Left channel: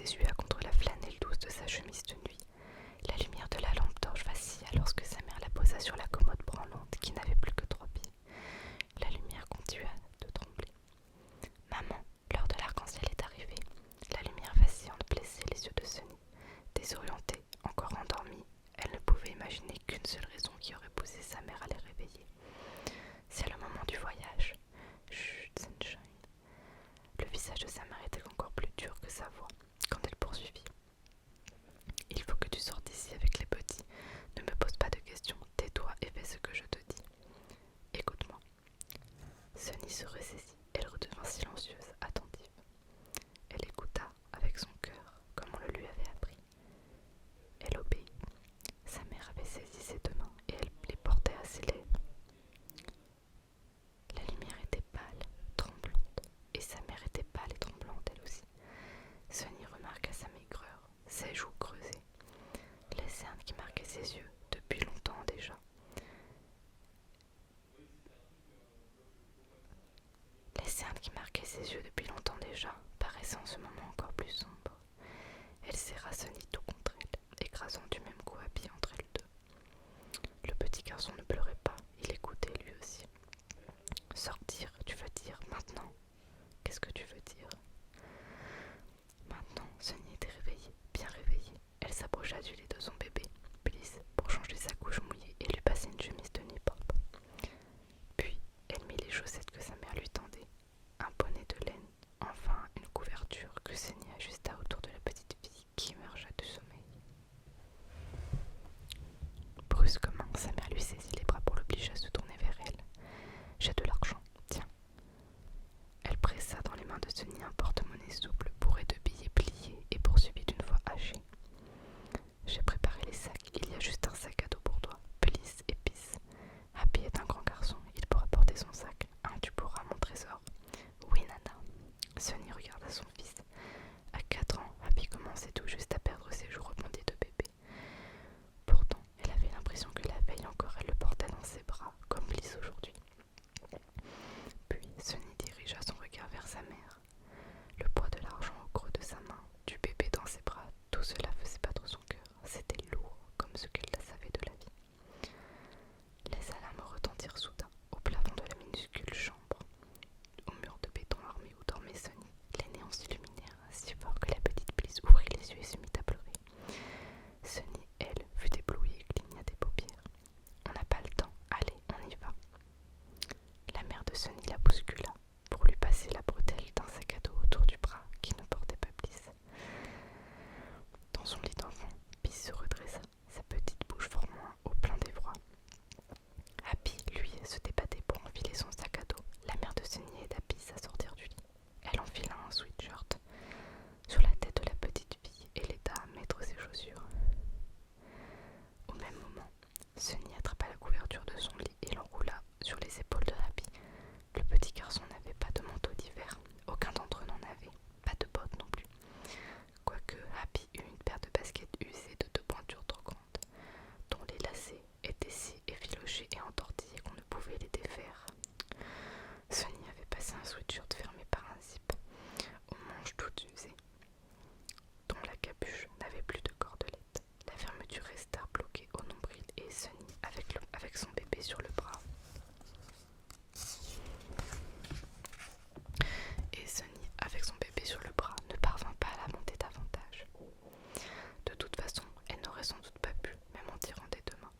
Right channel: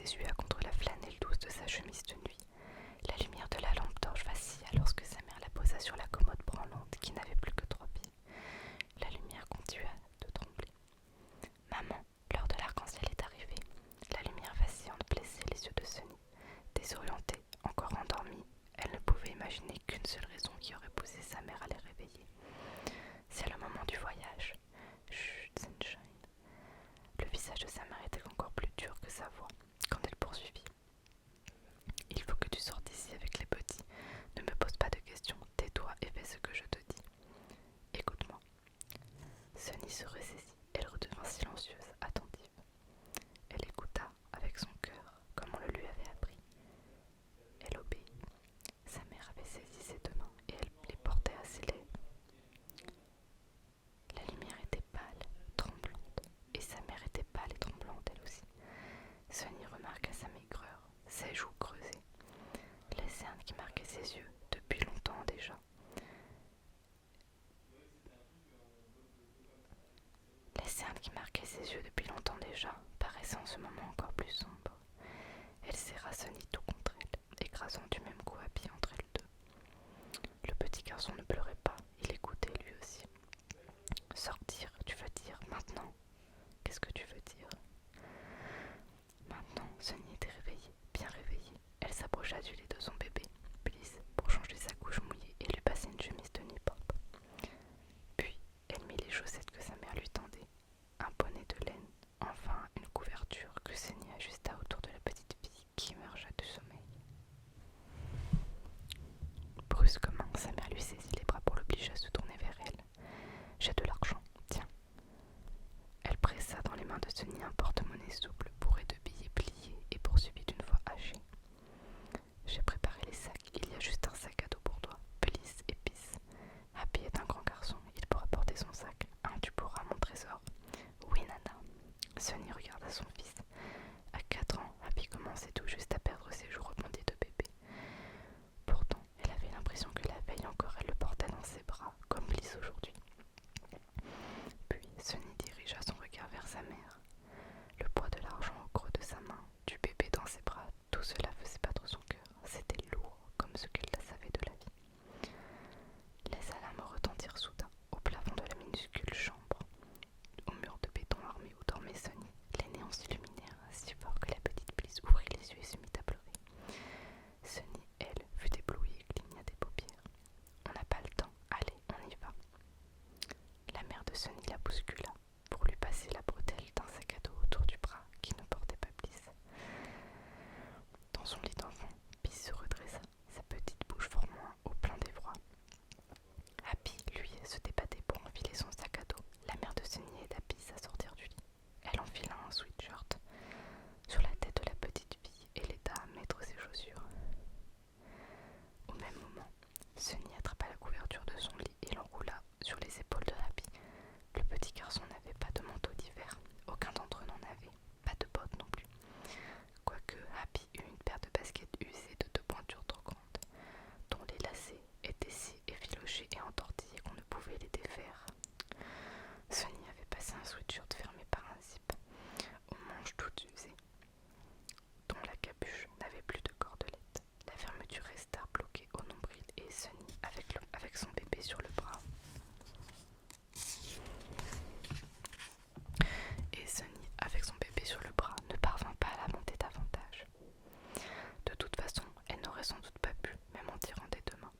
s'essuya contre la flanelle douce de sa chemise de nuit. La lumière de la lampe torche vacilla lorsque sa mère la posa sur la commode branlante qui n'avait plus que 3 pieds. La lumière continua de trembler. « Maman, l'heure de l'arc-en-ciel est arrivée. » La lumière vacillante blessait les yeux de Sunny. Désorientée, encore endormie, elle ne pouvait imaginer qu'une seule raison qui aurait poussé sa mère à les réveiller. « C'est le moment du voyage. »« Chut, Sunshine. » Le visage de sa mère était encore plus dur que sa voix quand elle poursuivit. « Il faut que tu sortes d'ici avec les petits. Ne me pose pas de questions. Tais-toi et fais ce que je te dis. Écoute-moi. » Sunny se ressaisit. Elle redevint silencieuse, attentive. Elle écouta avec son cœur, comme on le lui avait appris. Elle obéit. Sa mère avait saisi ses 2 mains et elle les portait à ses lèvres. La lumière était pâle, tremblante, et sa mère était pâle et tremblante elle aussi. Sunny remarqua sa maigreur, ses joues creusées, les cernes qui marquaient ses yeux depuis longtemps déjà. Les cernes qui marquaient ses yeux depuis longtemps déjà paraissaient en ce moment encore plus sombres. Elle serra Sunny tout contre elle, écrasant du même coup Happy entre elles deux. Le petit garçon ne pleurait pas, il écoutait lui aussi. « Sortir, tu veux dire, maintenant ? Qu'est-ce que tu veux dire ?» Maintenant, Sunny était réveillée, bien réveillée. Elle s'approcha du lit de son bébé, Bliss, pour changer sa couche mouillée et lui passer une chemise de nuit propre. Puis, elle mit les chaussettes que sa mère lui tendait, un bonnet de laine, enfin une couverture que Sunny ajusta autour de la petite fille qui émergea du sommeil. Brusquement, sa mère lui saisit les bras pour l'obliger à se tourner vers elle. « J'ai de l'argent, tiens. » Elle pressa dans les mains de Sunny un porte-monnaie souple bourré de billets pliés et poursuivit d'une voix hachée. « J'ai préparé les sacs, il y a juste un sac à dos pour toi, Bliss et Peace. Happy est un grand garçon, il pourra porter son sac. Tu pourras, mon trésor. » « Oui, Nana. » Sunny regarda son fils. À 4 ans, Happy commençait tout juste à perdre ses joues rebondies de bébé. Pourtant, elle avait l'impression que la veille encore elle le portait dans ses bras, comme Bliss aujourd'hui. Puis Sunny dirigea son regard vers sa mère. Le poids de l'argent au creux de sa main, du bébé dans ses bras, tout cela faisait battre son cœur. C'était lourd, comme ce qu'elle savait de la vie. Les alarmes retentirent soudain au plafond de la minuscule chambre. Au mur de béton armé où dormait Sunny, les néons s'illuminèrent si fort que la petite Bliss ouvrit les yeux et se mit à pleurer. Sunny, elle, fut éblouie et cligna des paupières. « On n'a pas le temps, allez, on y va. » La mère de Sunny la bouscula pour lui passer la bretelle d'un sac à dos autour du bras qui ne portait pas Bliss. Dans son lit d'enfant, Bliss se redressa, sa petite bouche formant au plein d'effroi. Happy, lui, se débattait pour enfiler son sac à dos. La mère de Sunny aida Bliss à sortir du lit. Elle enfila un sweatshirt sur la tête de la petite fille et l'aida à mettre ses chaussures. Au même moment, Sunny attrapa la couverture de son lit et l'enroula sur les épaules de Happy. Le petit garçon n'avait pas de manteau d'hiver, aucun d'entre eux n'en avait, pas de bottes non plus. Quoique Happy eut une paire de baskets usées de 2 pointures trop grandes, dont les lacets étaient si effilochés et entortillés qu'on ne pouvait les défaire. Sunny avait passé un sweatshirt fermé par un zip, aux manches toutes usées, dont la capuche n'avait plus de cordelette. La fermeture resta bloquée au nombril et Sunny, avec son bébé sur le bras, ne parvint pas à la monter davantage. De toute façon, elle n'aurait sans doute pas pu, même en tirant des 2 mains.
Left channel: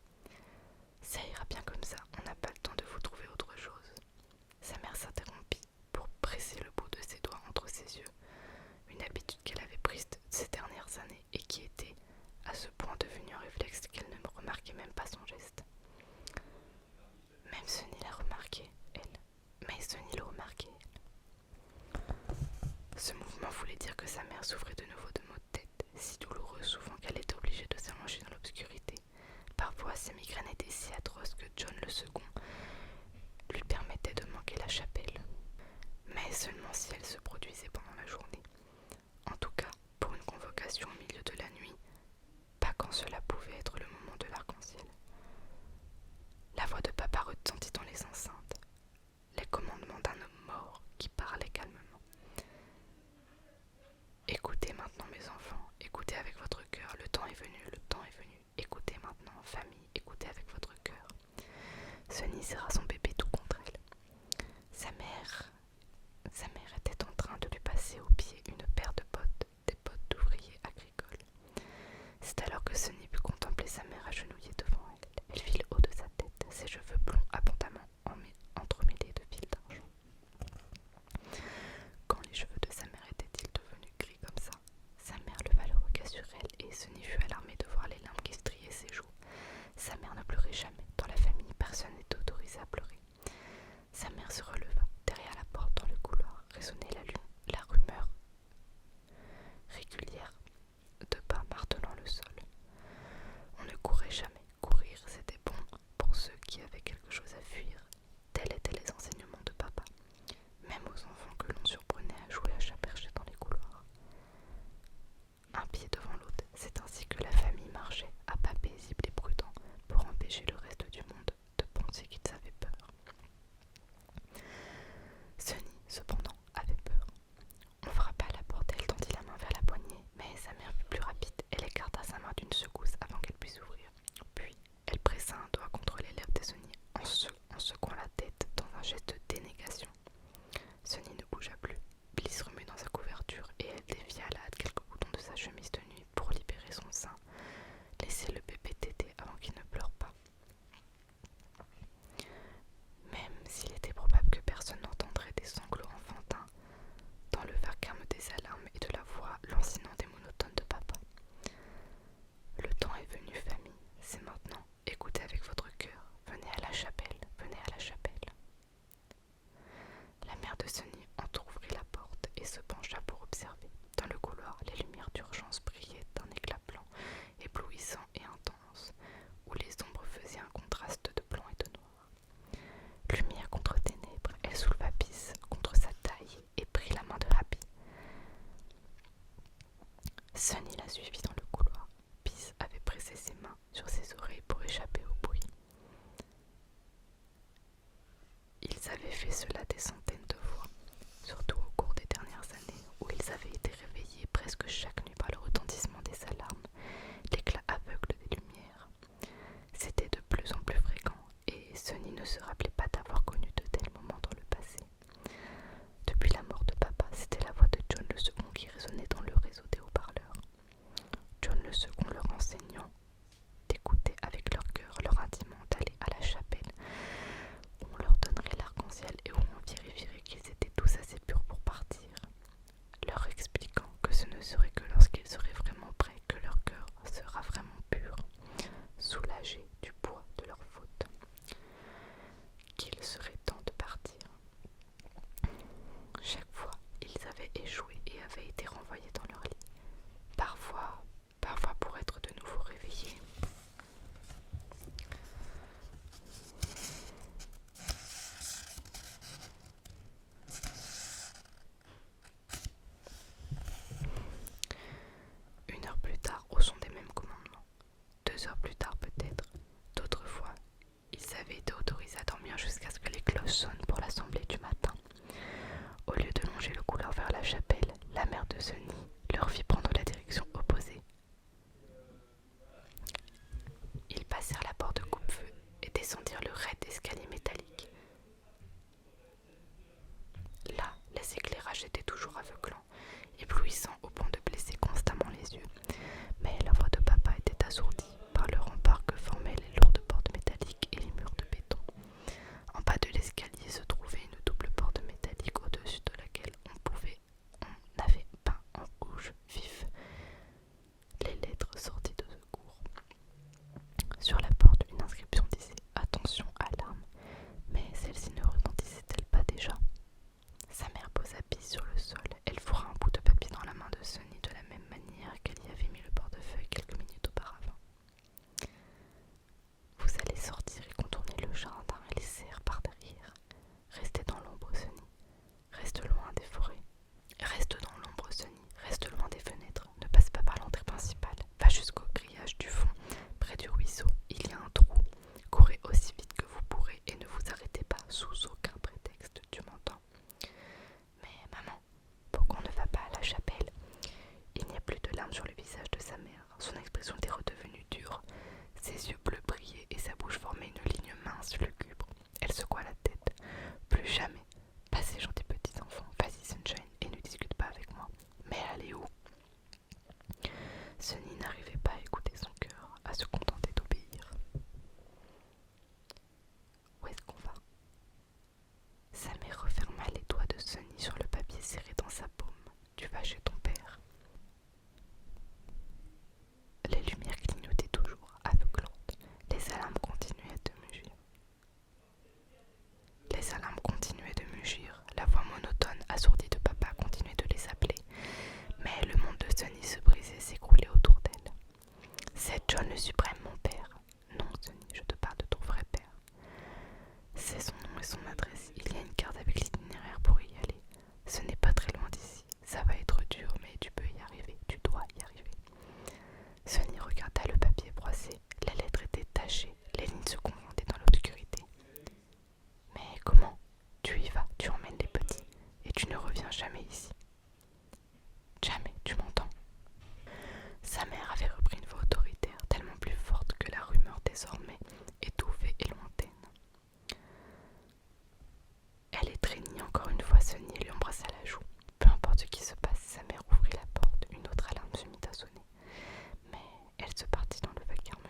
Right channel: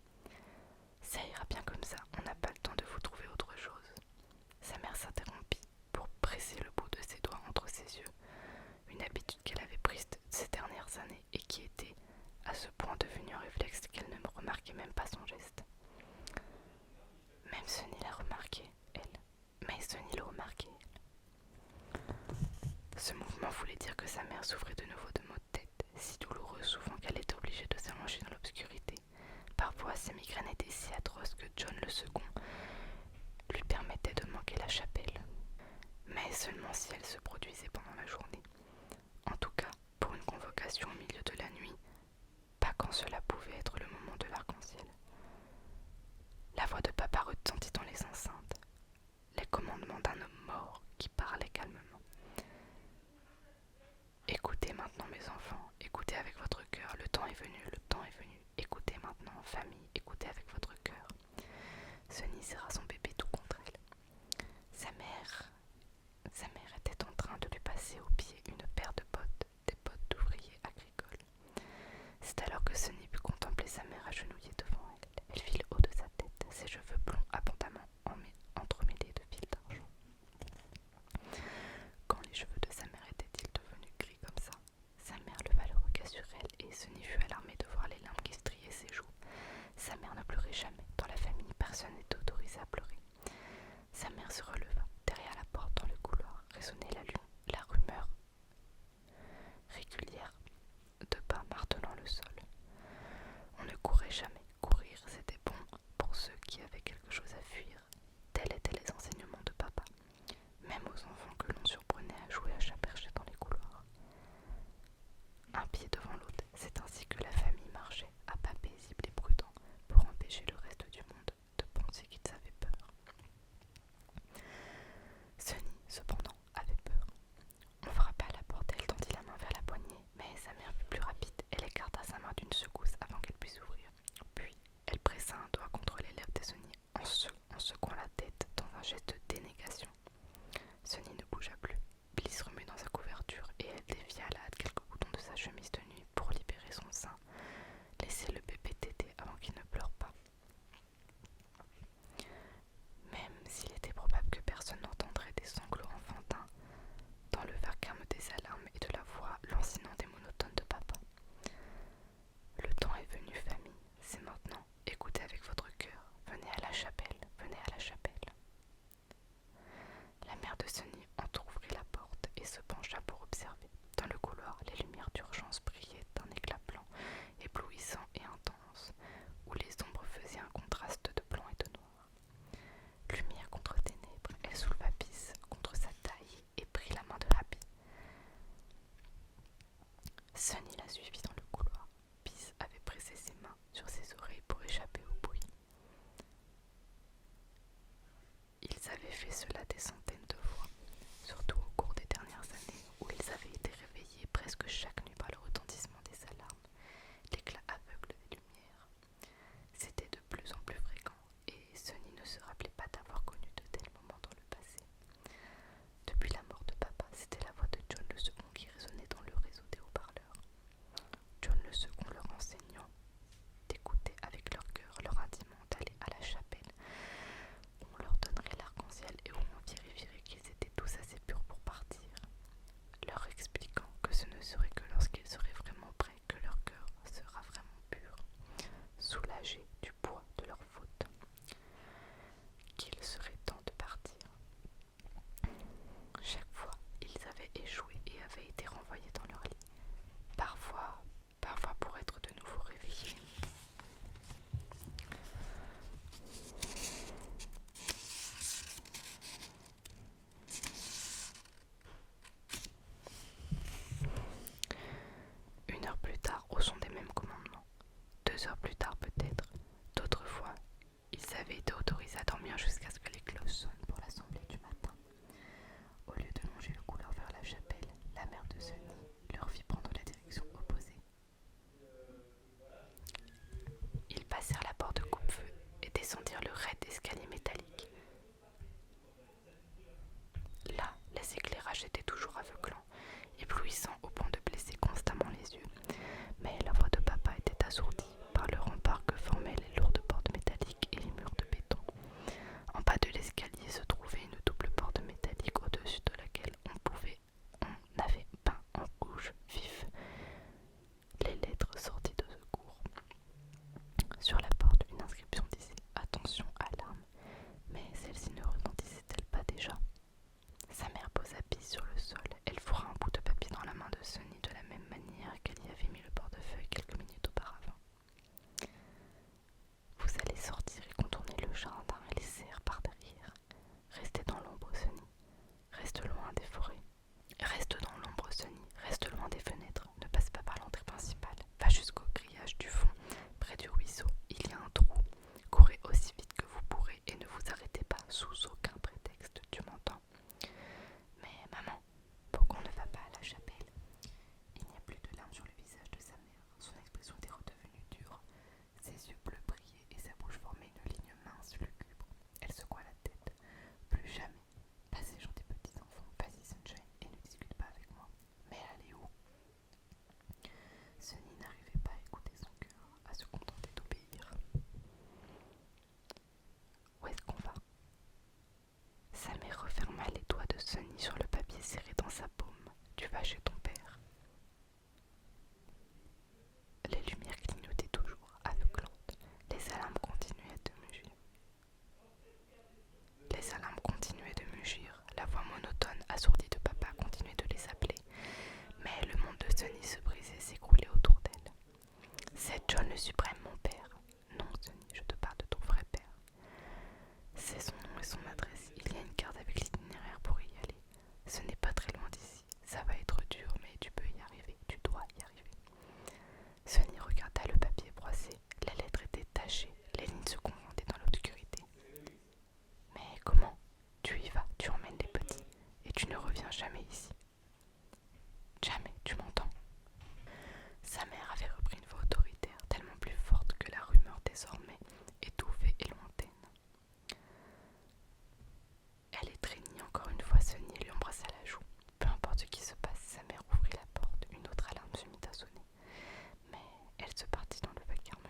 « Ça ira bien comme ça, on n'a pas le temps de vous trouver autre chose. » Sa mère s'interrompit pour presser le bout de ses doigts entre ses yeux, une habitude qu'elle avait prise ces dernières années et qui était à ce point devenue un réflexe qu'elle ne remarquait même pas son geste. Même Sunny l'a remarqué, elle. Mais Sunny le remarquait, elle. Ce mouvement voulait dire que sa mère souffrait de nouveau de maux de tête, si douloureux souvent qu'elle était obligée de s'allonger dans l'obscurité. Parfois, ses migraines étaient si atroces que John le second lui permettait de manquer la chapelle. Mais seulement si elle se produisait pendant la journée. En tout cas, pour une convocation au milieu de la nuit, pas quand cela pouvait être le moment de l'arc-en-ciel. La voix de papa retentit dans les enceintes, les commandements d'un homme mort qui parlait calmement. « Écoutez maintenant mes enfants, écoutez avec votre cœur, le temps est venu, le temps est venu. Écoutez maintenant, famille, écoutez avec votre cœur. Sunny serra son bébé tout contre elle. Sa mère était en train de lui passer aux pieds une paire de bottes, des bottes d'ouvrier agricole. C'est alors que Sunny put contempler sa mère agenouillée devant elle. Elle fit le haut de sa tête, ses cheveux blonds abondamment entremêlés de fils d'argent. Quand les cheveux de sa mère étaient-ils devenus gris comme ça? Sa mère leva le regard sur elle et Sunny fut alarmée de voir les larmes qui striaient ses joues. Sa mère ne pleurait jamais. Dans la famille, personne n'était autorisé à pleurer. Sa mère se releva. Derrière la porte, dans le couloir, résonnait la rumeur régulière de pas martelant le sol. On ne courait jamais. Courir, c'était bon pour ceux qui avaient quelque chose à fuir. Tels étaient les enseignements de papa, même aux enfants que l'on surprenait à jouer à chat perché dans les couloirs. Un pied devant l'autre, c'est ainsi que la famille marchait, à pas paisible et prudent, pour empêcher le reste du monde de penser qu'ils avaient peur. Sunny, cependant, avait peur. On frappa à la porte, elle tendit la main vers la poignée, mais sa mère fut plus rapide. Elle écarta sa main d'une secousse avant qu'elle puisse ouvrir. Puis, elle pressa un doigt contre les lèvres de Sunny en secouant la tête dans un geste de dénégation. Sunny ne bougea plus. Bliss remut dans sa couverture et elle dévia à la hâte quelques boutons de sa chemise de nuit pour libérer son sein. Laissez le bébé téter avant qu'il ne pleure pas. Même s'il était probable que personne n'entendrait des sanglots enfantins, dans le vacarme des alarmes et de la voix lancinante et monotone de papa. Le temps est venu, famille, c'est maintenant. Écoutez avec votre cœur. Venez à la chapelle, venez à la chapelle. La mère de Sunny entr'ouvrit la porte et se pencha pour observer. Dans le couloir, les lumières d'urgence brillaient d'un éclat blanc, éblouissant et intense, où les ombres faisaient un contraste de blanc et de noir. Lumière contre ténèbres, elle souleva Bliss contre sa taille et prit la main de Happy. Sunny la suivit dans le couloir. Bliss avait pressé ses mains sur ses oreilles pour échapper au bruit. Ils avaient fait cela des centaines de fois, surtout au cours des dernières années où ils avaient été réveillés presque chaque nuit par le retentissement des alarmes, l'éclat aveugle des lumières. C'était de plus en plus fréquent et Sunny ne se rappelait pas d'avoir connu de tels moments dans le passé. Depuis la mort de papa, c'était la voix de John le second qui résonnait dans le réseau des haut-parleurs. Sunny se brisait et s'écroulait autour d'elle. C'est John le suprême, mon père. Non, Sunny, je te parle de ton vrai père. C'est son nom et son adresse. Il y a une carte avec l'itinéraire pour y aller. Ce n'est pas très loin d'ici. Ça va être dur, mais tu peux y arriver. Tu dois y arriver. Sunny regarda le papier froissé. La lettre était tachée. Les lignes se confondaient dans l'obscurité. Mais comment? Tu y vas, tu emmènes les petits. Et tu ne reviens jamais ici. Jamais, tu m'entends? Sa mère avait repris une voix autoritaire, tellement plus forte que la rumeur désormais étouffée et lointaine. Elle étreignit encore une fois Sunny et lui embrassa la joue. Peu importe ce qui se passe, sa mère ouvrit la porte, une autre alarme se mit à sonner. Mais elle se perdit dans le vacarme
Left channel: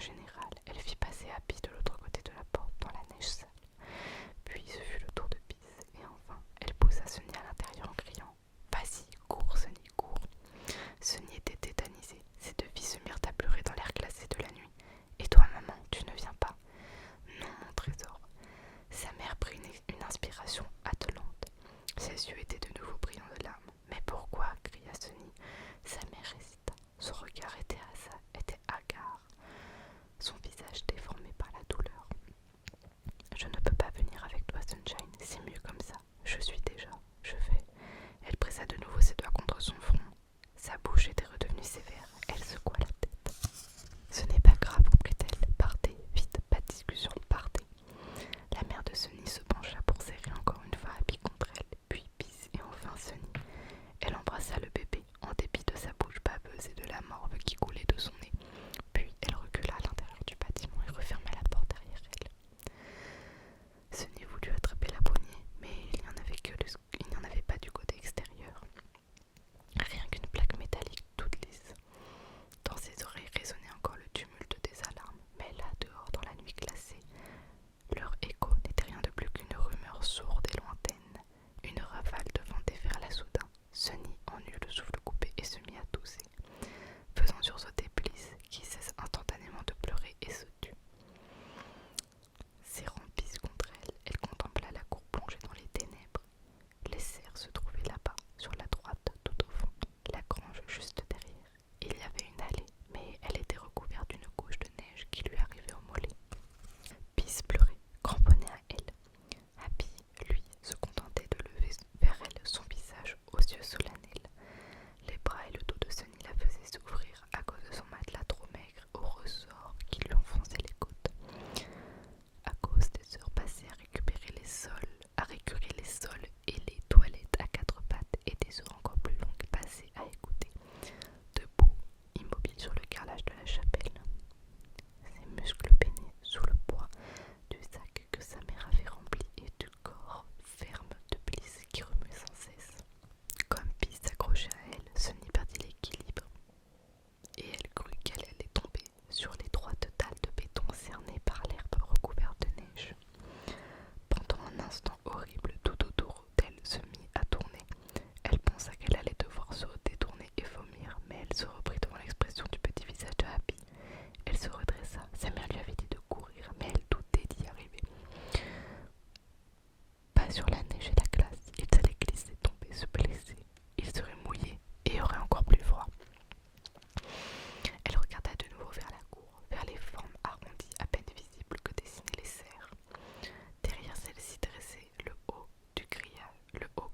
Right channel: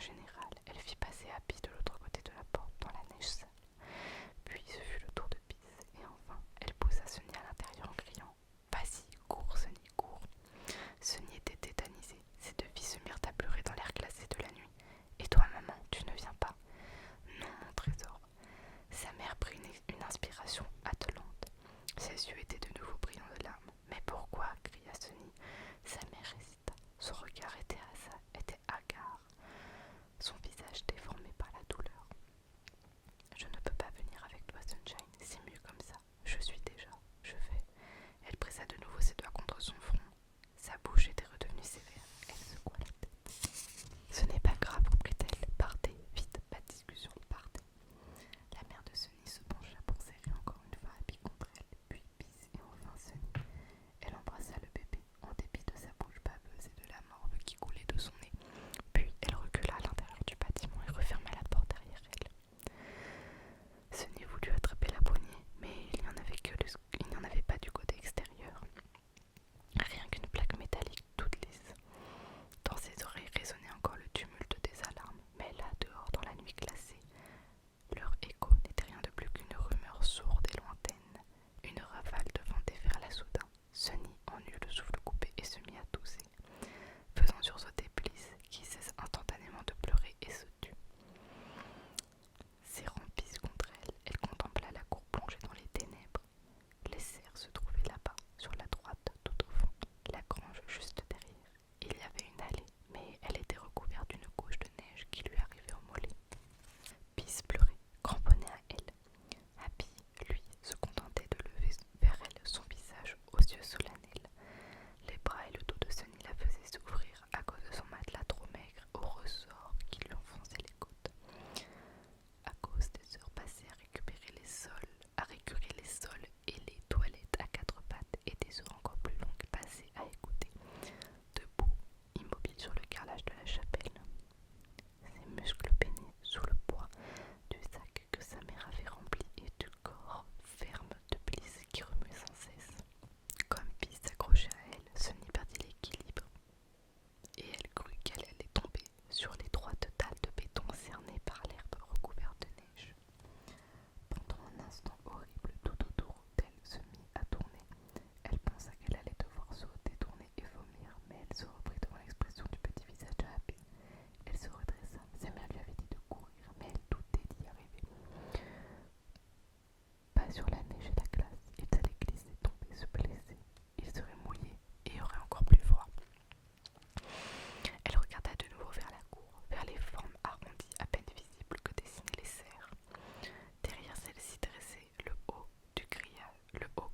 général. Elle fit passer Happy de l'autre côté de la porte, dans la neige sale. Puis ce fut le tour de Pisse, et enfin, elle poussa Sunny à l'intérieur en criant « Vas-y, cours, Sunny, cours !» Sunny était tétanisée. Ses deux filles se mirent à pleurer dans l'air glacé de la nuit. « Et toi, maman, tu ne viens pas ?»« Non, mon trésor. » Sa mère prit une inspiration attelante. Ses yeux étaient de nouveau brillants de larmes. « Mais pourquoi ?» cria Sunny. Sa mère hésita. Son regard était hagard, son visage déformé par la douleur. « Je ne peux pas venir avec toi, Sunshine, c'est mieux comme ça. Je suis déjà, je vais. » Elle pressa de nouveau ses doigts contre son front. Sa bouche était redevenue sévère. Elle secoua la tête. « Ce n'est pas grave, reprit-elle. Partez, vite, pas de discussion, partez. » La mère de Sunny se pencha pour serrer encore une fois Happy contre elle, puis Pisse et enfin Sunny. Elle embrassa le bébé, en dépit de sa bouche baveuse et de la morve qui coulait de son nez. Puis elle recula à l'intérieur du bâtiment et referma la porte derrière elle. Sunny voulut attraper la poignée, mais il n'y en avait pas du côté extérieur. Rien qu'une plaque métallique toute lisse. Dans ses oreilles résonnait encore le tumulte des alarmes, mais là, dehors, dans la nuit glacée, leur écho n'était rien de plus qu'une rumeur sourde et lointaine. Une rafale de vent déferla soudain. Sunny en eut le souffle coupé et se mit à tousser, faisant sursauter Bliss, qui cessa instantanément de pleurer et se tut. Serrant Pisse contre elle, elle contempla la cour plongée dans les ténèbres. Les serres se trouvaient là-bas, sur la droite, tout au fond, la grange juste derrière. Il y avait une allée, mais elle était recouverte d'une couche de neige qui lui arrivait au mollet. Pisse pleurait, cramponnée à elle. Happy, lui, se contentait de lever vers elle son visage aux yeux solennels. Les bras et le dos de Sunny la faisaient s'ouvrir à cause de son matelas trop maigre aux ressorts qui lui enfonçaient les côtes. À cause des heures passées à récurer les sols et les toilettes à quatre pattes et des heures encore plus longues passées à écouter, debout, immobile sur le carrelage de la chapelle. Ses muscles peinaient sous le poids du sac que sa mère avait rempli et du corps ferme de Bliss qui remuait sans cesse. Comme Pisse s'accrochait à elle, Sunny perdit l'équilibre et elle crut qu'elle allait tomber sur l'étroite dalle de béton cernée par l'herbe recouverte de neige. Pendant un instant horrible, tout autour d'elle se mit à tourner. Elle pensa qu'elle allait devoir se détourner et vomir, mais elle se reprit devant l'expression du petit visage de Happy. Elle se redressa. Sa mère lui avait dit de courir, mais elle doutait d'y arriver. Pas sur la neige et la glace. Ils allaient glisser, tomber, se blesser. Ils seraient mouillés et auraient encore plus froid. Elle regarda de nouveau vers la cour, vers les formes arrondies à peine visibles que dessinaient les serres. Derrière celle-ci dressait le haut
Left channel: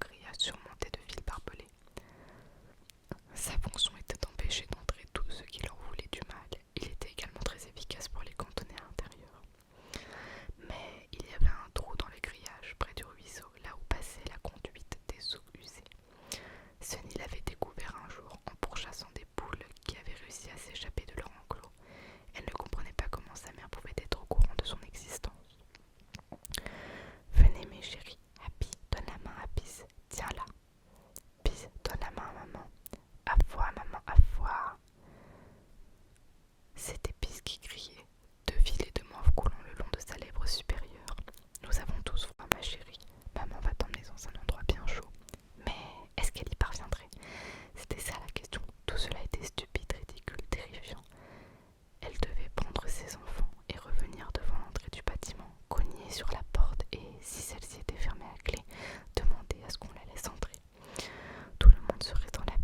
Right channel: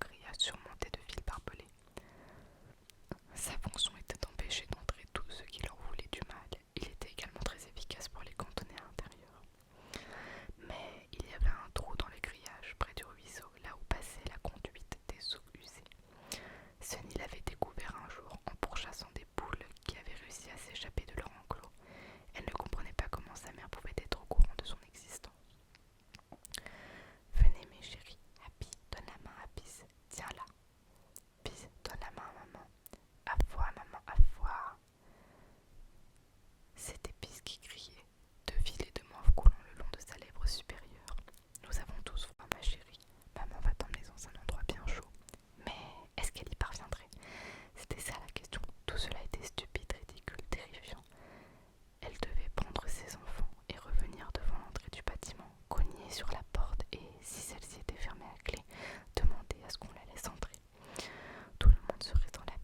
grillage surmonté de fils barbelés. Sa fonction était d'empêcher d'entrer tous ceux qui leur voulaient du mal. Il était également très efficace pour les cantonner à l'intérieur. Mais il y avait un trou dans le grillage près du ruisseau, là où passait la conduite des eaux usées. Sunny l'avait découvert un jour en pourchassant des poules qui avaient réussi à s'échapper de leur enclos. Elle ne comprenait pas comment sa mère pouvait être au courant de son existence. « Venez mes chéris, Happy, donne la main à Pisse, tiens-la. Pisse, donne la main à maman. À foi, maman, à foi. » C'était Pisse qui criait, deux filets de morve coulant le long de sa lèvre supérieure. « Nous avons tous froid, ma chérie. Maman va t'emmener dans un endroit bien chaud. » Mais est-ce qu'elle y parviendrait? C'était ça la question. Tout cela était stupide, ridicule, terrifiant. Elle devait prendre ses enfants et revenir devant l'entrée du bâtiment, cogner sur la porte et, si celle-ci était fermée à clé, demander à ce qu'on la laisse entrer. Tout le monde serait dans la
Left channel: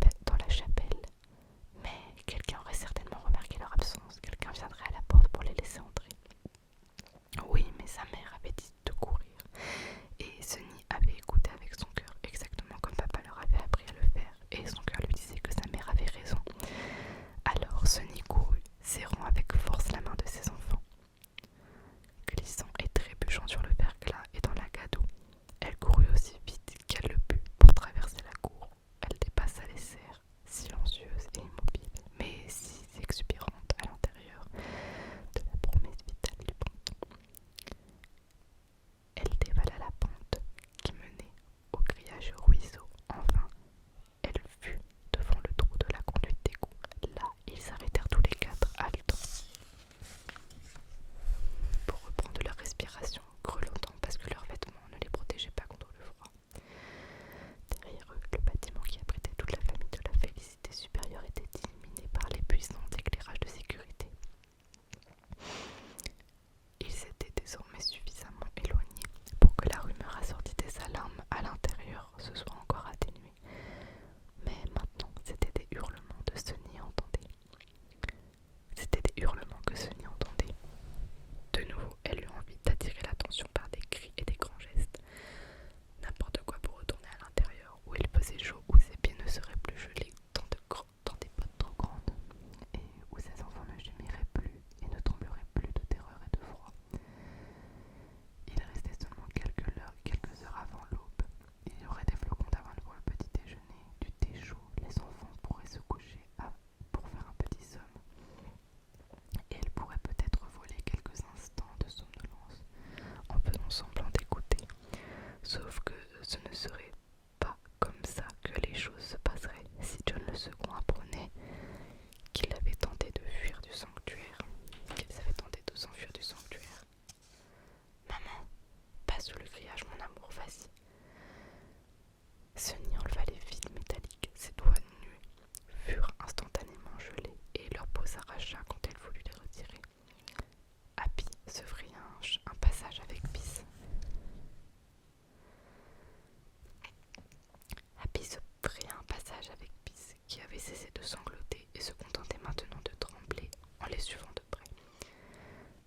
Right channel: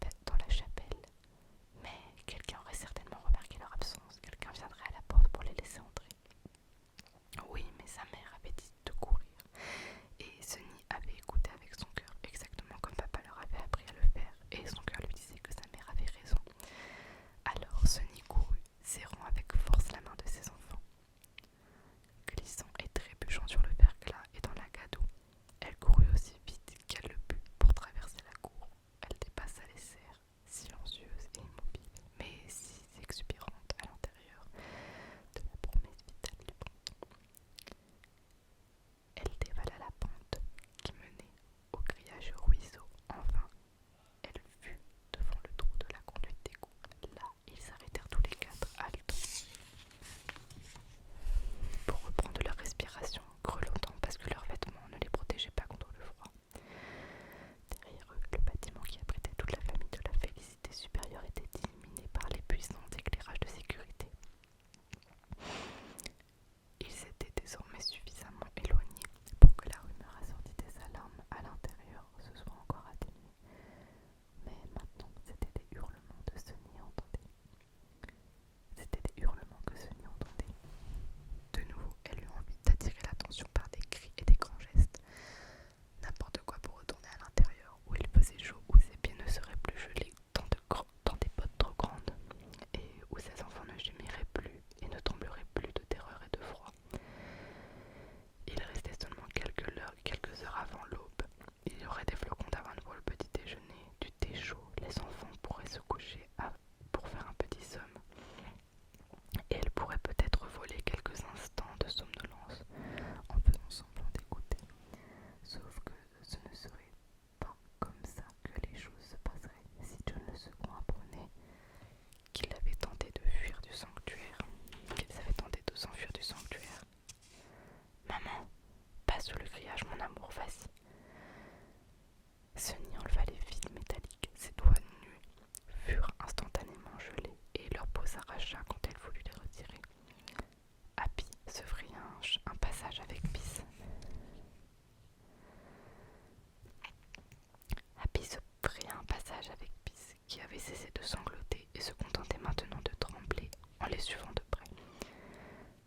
qui avait cessé de sangloter et se contentait maintenant de trembler en les suivant de près.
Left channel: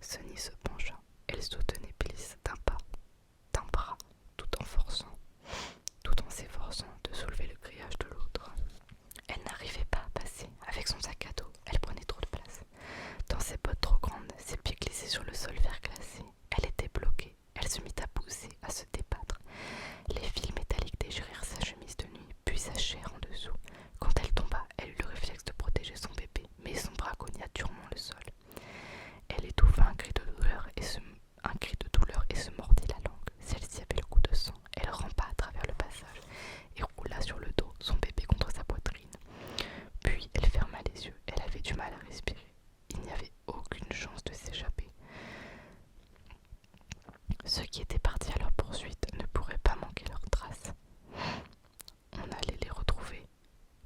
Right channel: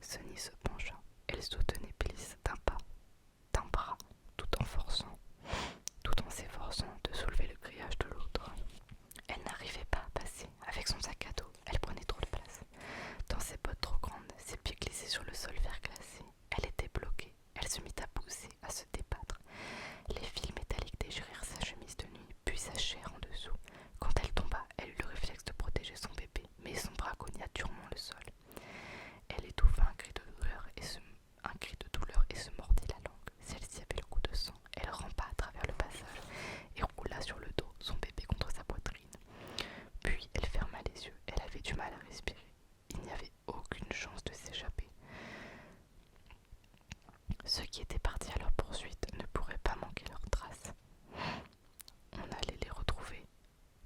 Sonny se pencha. Elle soutenait Bliss d'un bras, tout en s'efforçant de soulever le grillage de l'autre. Elle n'arrivait pas à passer. Avec son sac à dos, elle prenait trop de place. Dans ses bottes trop grandes, ses pieds glissaient sur le sol verglacé. Elle était bloquée. Elle se mit à pousser, à se débattre. Les fils métalliques déchirèrent sa chemise de nuit, puis sa chair en dessous. Quand elle tomba, elle eut le réflexe de protéger son bébé, mais son bras cogna durement le sol. Elle étouffa un cri de douleur et se mordit la langue. Celle-ci avait le goût de sang. Elle rampa à travers le passage et roula sur le dos, son bébé contre sa poitrine. Puis elle ferma les yeux. Elle avait du mal à respirer. Il n'y avait aucune chance de s'échapper. Ceux qui étaient partis à leur poursuite ne pourraient pas manquer leurs traces. On allait les retrouver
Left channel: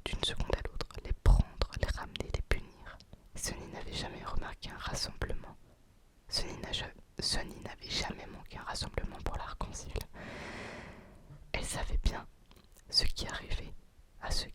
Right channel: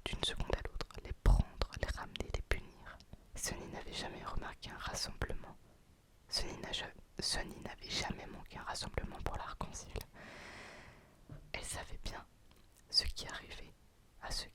d'une seconde à l'autre, les prendre, les ramener, les punir. Sonny n'avait jamais remarqué un rassemblement. Sonny n'avait jamais manqué un rassemblement pour l'arc-en-ciel. Elle savait bien ce qui arrivait à ceux